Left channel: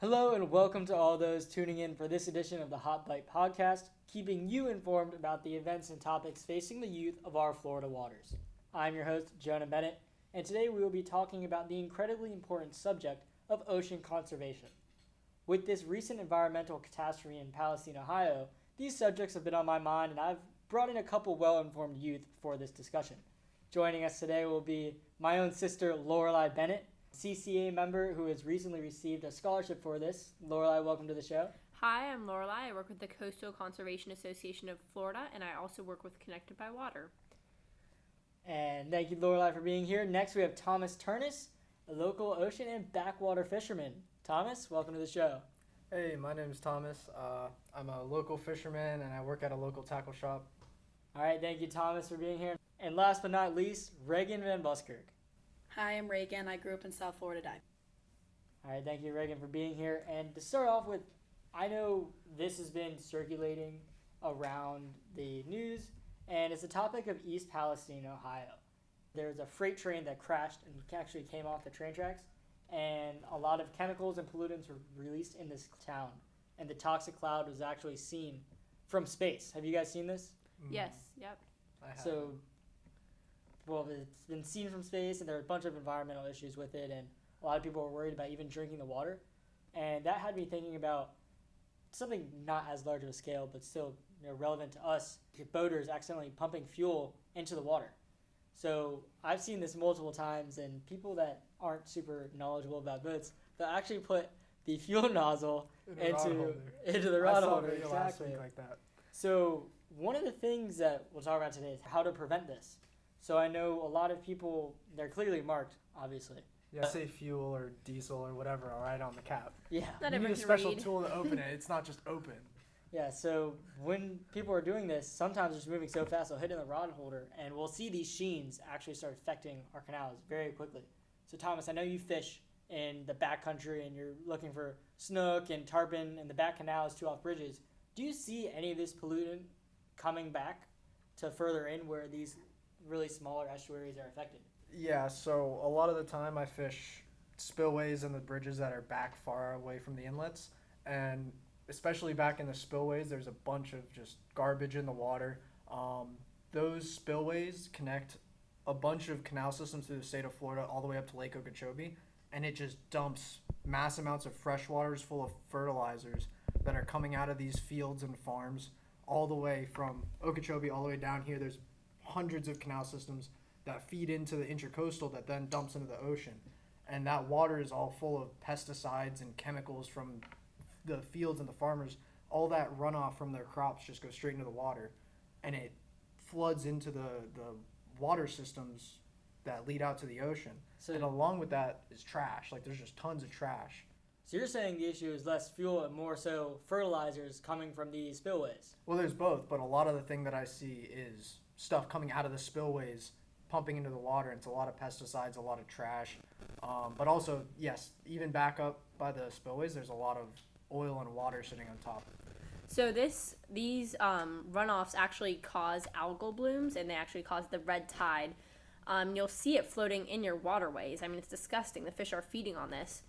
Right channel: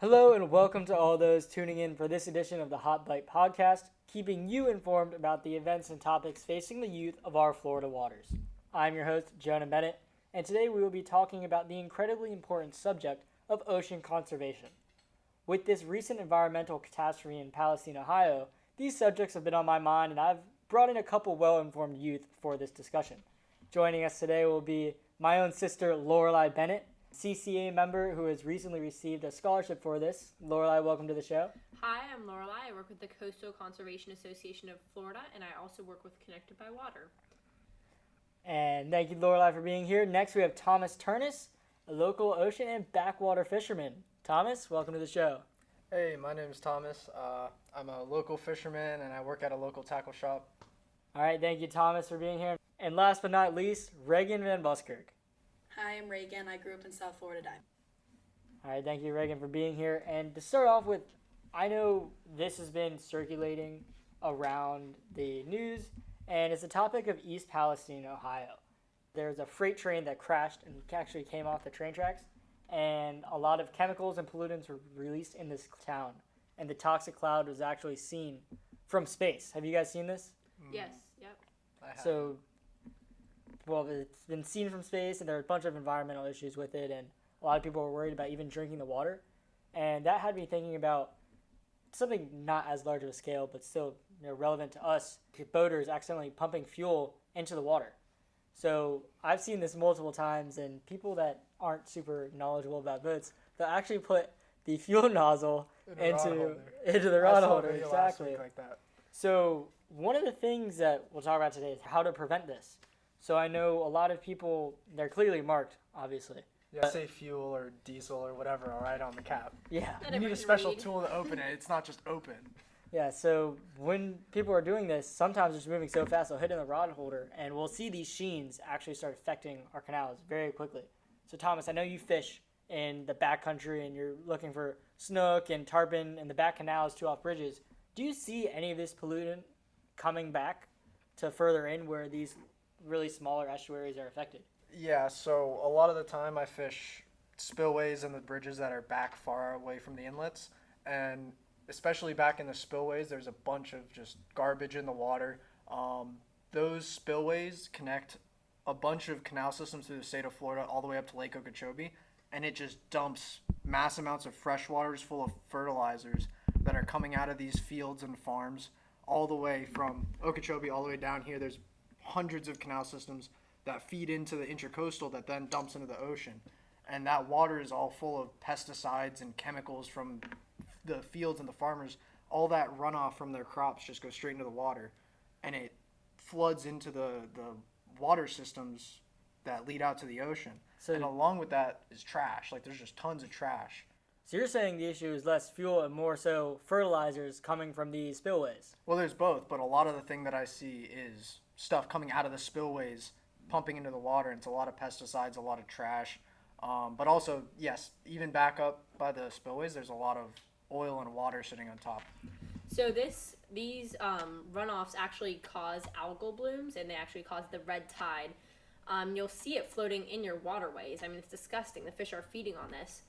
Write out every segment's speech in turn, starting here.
Hello and welcome to all those tuning in for this edition of the Hot Bite Podcast, keeping you informed about the events and topics facing the youth of our Florida waters. I'm your host, Jonah Bennett, and today we will be talking about the incredibly important subject of ocean conservation. With this recent environmental catastrophe in Palestine, Ohio, these subjects have been on my mind, and I've brought in a couple well-informed youth for this discussion. Joining us today will be my own sister, Lorelei Bennett, CCA member who has recently received a scholarship for this. Lorelei, welcome to the show. Hi, I'm Lorelei. I work with the Coastal Conservation Association of Florida, and I also work with Connected by Water. And thank you, Lorelei, for being here. Next, we have Thomas Turnus, a local ocean and backwater fisherman. Thomas, welcome to the show. Hey, my name is Thomas. I'm a local fisherman, and I work at a local tackle shop. All right, thank you, Thomas, for being here. And last but not least, Reagan Van Buskirk. Hi, I'm Reagan. I grew up in South Florida. All right, thank you, Reagan, for being here. And to start off with, I know this has been circulating around the news, and it's the topic of East Palestine, Ohio. There's a freight train that crashed and actually came off the train tracks, and a lot of chemicals and pollutants were released in this town, and the toxic cloud was actually seen from space. Have you guys seen this? Yes, yep. So, well, it's been seen from space, and there are a bunch of environmental issues with it, and a lot of people were worried about even drinking the water. And that had me thinking about something not as large of a scale, but still relevant to us, boaters accidentally pumping fuel into the water. So I've seen this multiple times, and people that aren't super knowledgeable about boats, they'll actually put the fuel nozzle into the rod holder. Exactly. Like that. So one of the things that we'll talk about today is how to prevent this. So I know a lot of people, they're clearly marked, obviously. Yeah, say fuel or diesel or whatever, right on the cap. Yeah. Not You everyone need a can special read. tool to open it. It's not just open. Yeah, so when people are doing this, sometimes it's moving so fast they'll hit in the rod holder, and we'll see these sheens actually start affecting our canals very quickly. So Thomas, I know you fish in the backcountry and you're looking for snook and tarpon in the back canals, two off bridges. Do you see any of this pollutant coming back to further in where these really smaller estuaries are affected? Yeah, so a lot of the time I fish spillways and the bridges that are back far away from the inlets, and especially back in the spillways, there's a bunch of just garbage in the water. Those spillways connect a bunch of canal systems through the state of Florida all the way up to Lake Okeechobee, and it just dumps mass amounts of fresh waters full of fertilizers that are coming out of these fields and farms all the way from Okeechobee all the way down here. There's hundreds of canal systems that feed into the intracoastal that then dumps into the ocean. And that water is all full of pesticides and chemicals from the fields and the farmers. All that runoff from their crops just goes straight into the water. And it floods into the water systems that lead out to the ocean. And So, along with that is trash. Like, there's just tons of trash. so you're saying the issue is less fuel and more so fertilizers coming from these spillways? Well, there's both, but a lot of the thing that I see is stuff coming out of the spillways, pumping into the water. It's a lot of pesticides, a lot of trash. But also, yes, even back up by the spillways, there's a lot of oil and water sitting on top. So these runoffs actually cause algal blooms, and they actually cause the red tide. You'll see it floating in your waterways. I mean, it's disgusting. The fish are feeding on this.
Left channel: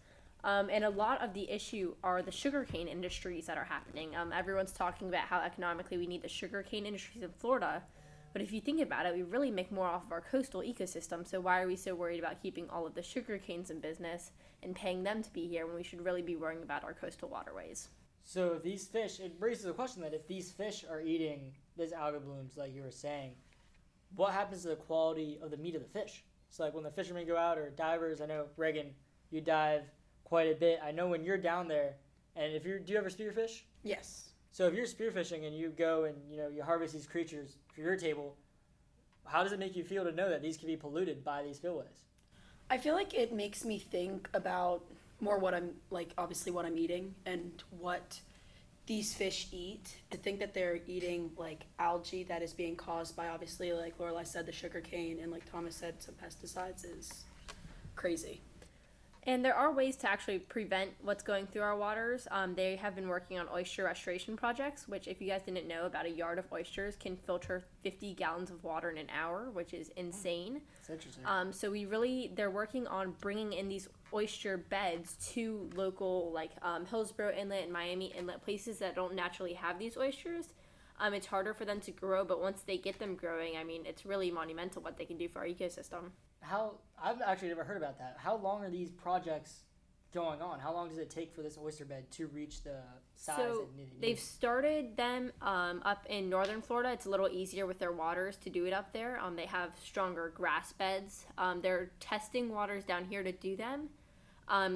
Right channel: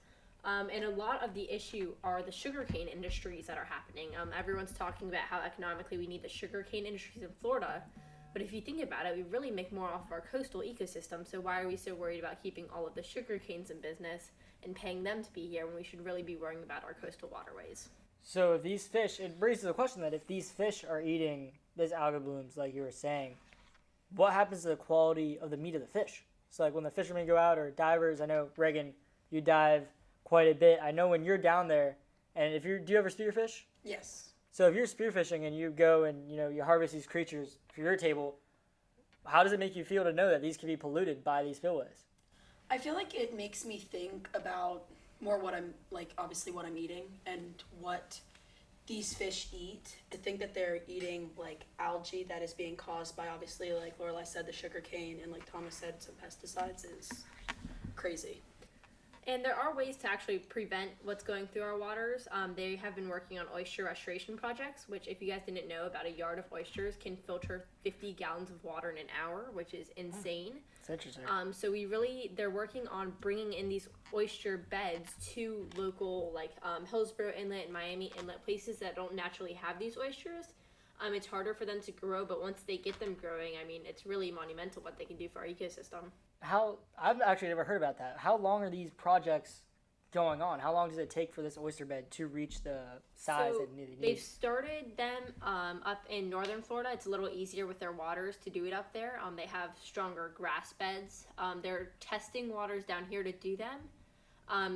And a lot of the issue are the sugarcane industries that are happening. Everyone's talking about how economically we need the sugarcane industries in Florida. But if you think about it, we really make more off of our coastal ecosystem. So why are we so worried about keeping all of the sugarcanes in business and paying them to be here when we should really be worrying about our coastal waterways? So if these fish, it raises the question that if these fish are eating these algal blooms, like you were saying, what happens to the quality of the meat of the fish? So like when the fishermen go out, or divers, I know, Reagan, you dive quite a bit. I know when you're down there, and do you ever spearfish? Yes. So if you're spearfishing and you go and you harvest these creatures for your table, how does it make you feel to know that these can be polluted by these spillways? I feel like it makes me think about more what I'm, like, obviously what I'm eating and what these fish eat. To think that they're eating, like, algae that is being caused by, obviously, like Lorelei said, the sugar cane, and like Thomas said, some pesticides is crazy. And there are ways to actually prevent what's going through our waters. They have been working on oyster restoration projects, which, if you guys didn't know, about a yard of oysters can filter 50 gallons of water in an hour, which is insane. It's interesting. So they're working on bringing in these oyster beds to local, like Hillsborough Inlet and Miami Inlet, places that don't naturally have these oysters. It's harder for them to grow, but once they get them growing, I mean, it's really monumental what they can do for our ecosystem. I've actually never heard about that. How long are these projects going on? How long does it take for this oyster bed to reach the size So that they need? they've started them up in northern Florida. It's a little easier with their waters to do it up there. They have stronger grass beds. They're testing waters down here to do them.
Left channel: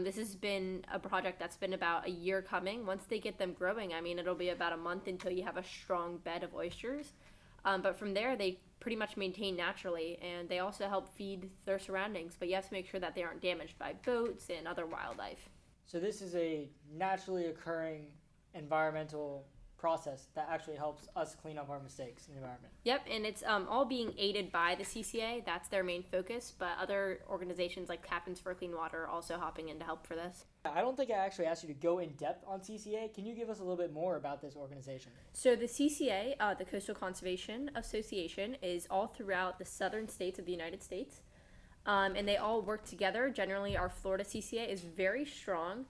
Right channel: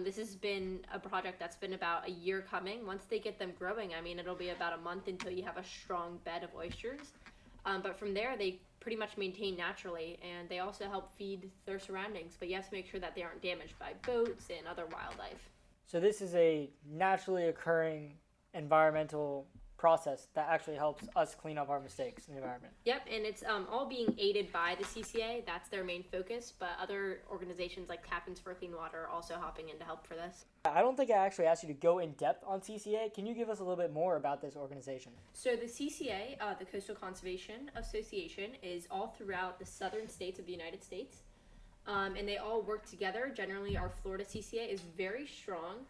This has been a project that's been about a year coming. Once they get them growing, I mean, it'll be about a month until you have a strong bed of oysters. But from there, they pretty much maintain naturally, and they also help feed their surroundings. But you have to make sure that they aren't damaged by boats and other wildlife. So this is a naturally occurring environmental process that actually helps us clean up our mistakes in the environment. Yep, and it's all being aided by the CCA. That's their main focus, but other organizations like Captains for Clean Water are also hopping in to help for this. I don't think I actually asked you to go in depth on CCA. Can you give us a little bit more about this organization? So the CCA, the Coastal Conservation Association, is all throughout the southern states of the United States, and they all work together. Generally, our Florida CCA is very strong.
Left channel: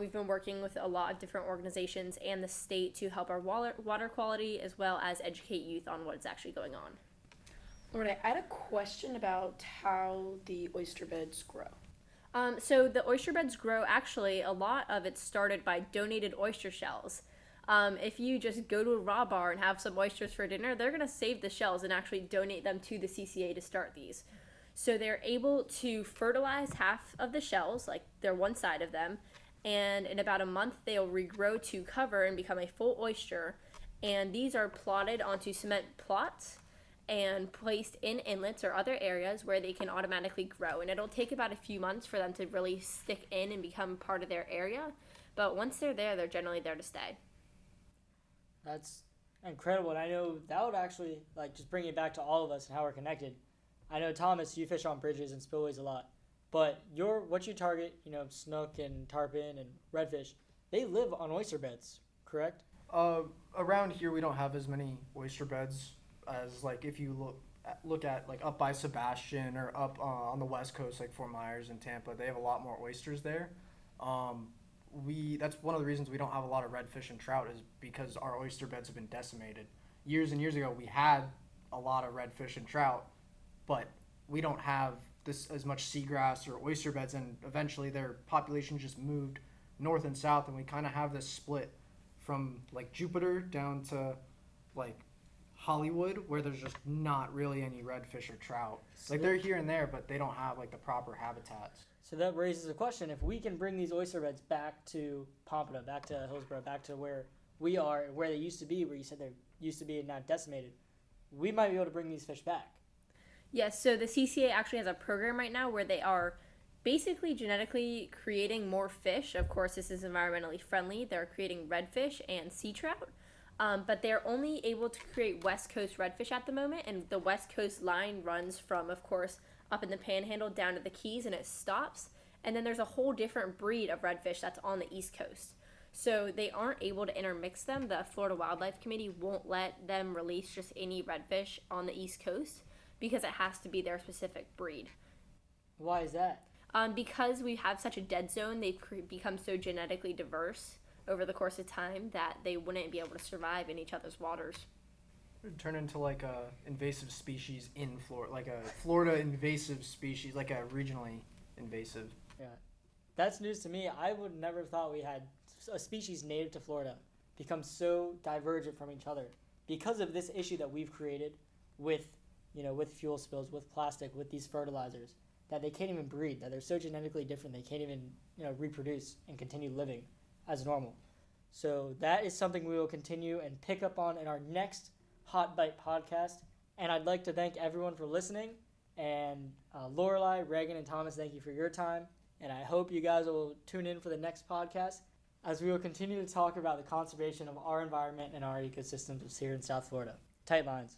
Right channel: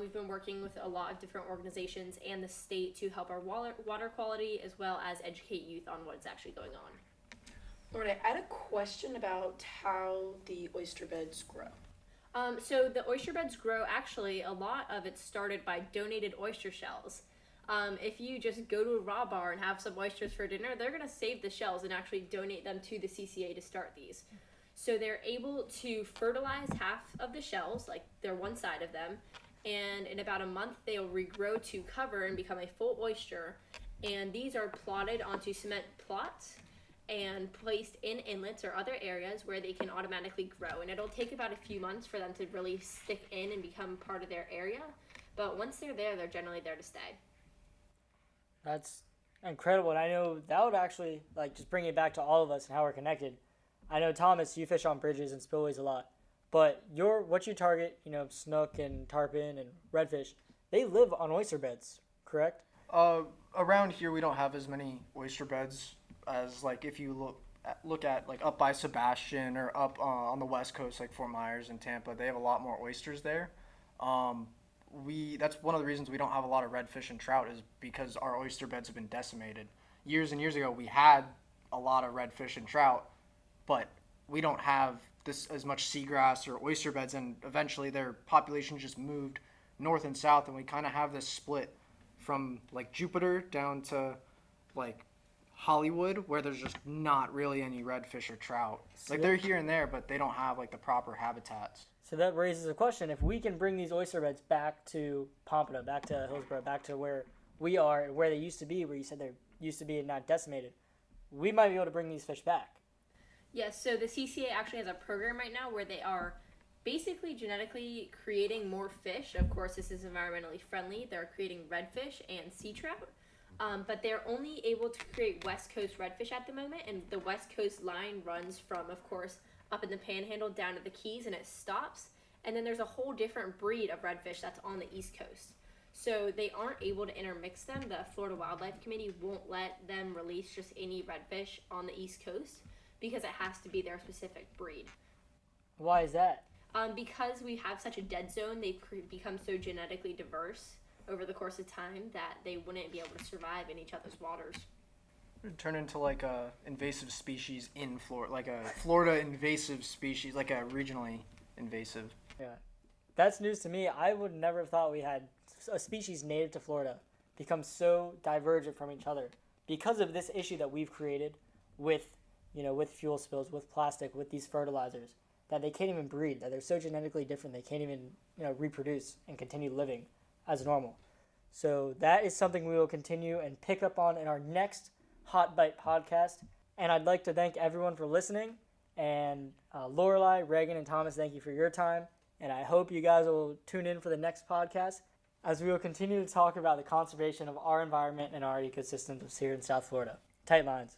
We've been working with a lot of different organizations and the state to help our water quality, as well as educate youth on what's actually going on. Lorna, I had a question about how the oyster beds grow. So the oyster beds grow, actually, a lot of it started by donated oyster shells. If you just go to a raw bar and have some oysters for dinner, they're going to save the shells and actually donate them to the CCA to start these. So they're able to fertilize half of the shells, like they're one side of them, and in about a month they'll regrow to cover and become a full oyster. And these are plotted onto cement plots and placed in inlets or other areas where they can automatically grow. And it'll take about a few months for them to really stick in and become part of their area. But once they're there, they're generally there to stay. That's incredible. And I know that would actually, like, just bring it back to all of us and how we're connected. I know, Thomas, you fish on bridges and spillways a lot. But what you target, snook and tarpon and redfish, they live on oyster beds, correct? Around here, we don't have as many oyster beds as, like, if you look at, like, up by Sebastian or up on the west coast, like Fort Myers and Tampa. They have a lot more oysters there. That's one of the reasons we don't have a lot of redfish and trout, is because our oyster beds have been decimated. Years and years ago, we had a lot of redfish and trout, but we don't have as much seagrass or oyster beds, and eventually their population just moved north and south, and we kind of have this split from, like, Jupiter down to, like, Hollywood, where there's just not really any redfish or trout. Like, they're here and there, but they don't have, like, the proper habitats. So that raises a question. If we can bring these oyster beds back to Pompano, back to Hillsborough, back to where we are and where they used to be, where you said they used to be and not decimated, we might be able to bring these fish back. Yes, so the CCA actually has a program right now where they are basically genetically creating more fish. Of course, this is environmentally friendly. They're creating redfish and sea trout, but they're only able to create West Coast redfish at the moment, and the West Coast line runs from, of course, up in the Panhandle down to the Keys, and it stops. And then there's a whole different breed of redfish that's on the East Coast. So they aren't able to intermix them. The Florida Wildlife Committee won't let them release just any redfish on the East Coast, because it has to be their specific breed. Why is that? Because we have such a dead zone, they've become so genetically diverse over the course of time that they wouldn't be able to survive in each other's waters. It would turn into, like, a invasive species in Florida, like a Florida invasive species, like a regionally invasive. Yeah, that's news to me. I would never have thought we had a species native to Florida become so divergent from each other because of this issue that we've created with fuel spills, with plastic, with these fertilizers, that they can't even breed, that they're so genetically different they can't even reproduce and continue living as normal. So that is something we will continue and pick up on in our next Hot Bite podcast. And I'd like to thank everyone for listening. And Lorelai, Reagan, and Thomas, thank you for your time. And I hope you guys will tune in for the next podcast, as we will continue to talk about the conservation of our environment and our ecosystems here in South Florida. Tight lines.